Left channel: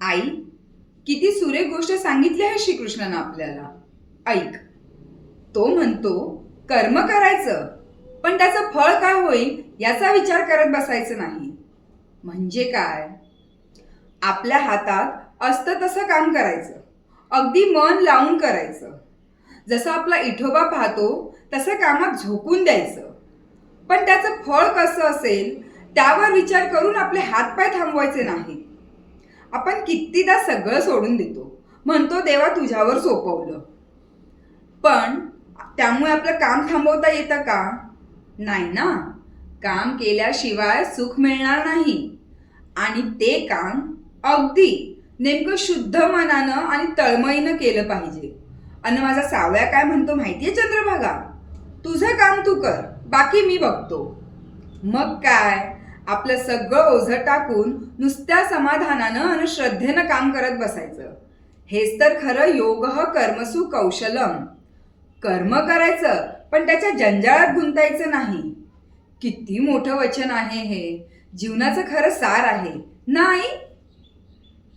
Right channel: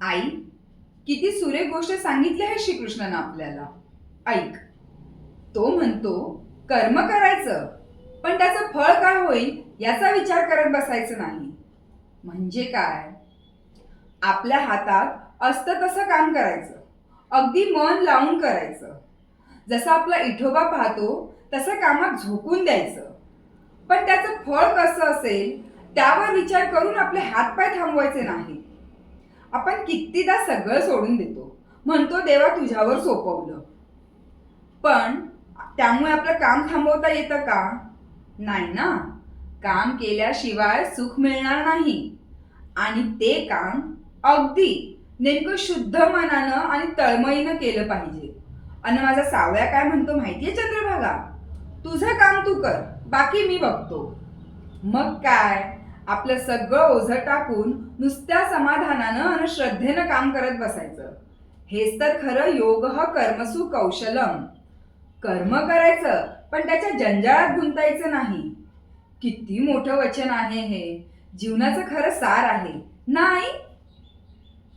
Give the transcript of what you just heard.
आई, किती सुरेख गोष्ट सांगितली आहे श्रीकृष्णानं आपल्याला. ऐक, तो म्हणतो कर्म करायचं, पण त्याचं फळ काय होईल याचा विचार करत बसायचं नाही. म्हणजे काय? आपल्या हातात असतं तसं काम करायचं, अगदी मन लावून करायचं. जसं आपला इठोबा पाहतो तसं कामात झोकून द्यायचं. पण त्याचं फळ कसं असेल त्यावर विचार करून आपले हातपाय थांबवायचे नाही. आपण कितीदा सगळं सोडून देतो, म्हणतो देवा तुझ्यावर सोपवलं, पण त्यामुळे आपलं काम थांबवता येतं का? नाही ना. काम केल्याशिवाय सुख मिळणार नाही. आणि ते काम अगदी नेमकं शुद्ध मनानं आणि तळमळीनं केलं पाहिजे. आणि माझा सावळ्या काय म्हणतो माहितीये चंद्रभागा? तुझं काम तू कर, बाकी मी बघतो. मग काय, आपलं सगळं ओझं टाकून नुसत्या समाधानानं आणि श्रद्धेनं काम करत बसायचं. हेच तर खरं योगः कर्मसु कौशलम. कर्म करायचं, पण त्याच्या जंजाळात गुंतायचं नाही. किती मोठं वचन आहे हे. जीवनाचं खरं सार आहे ना आई?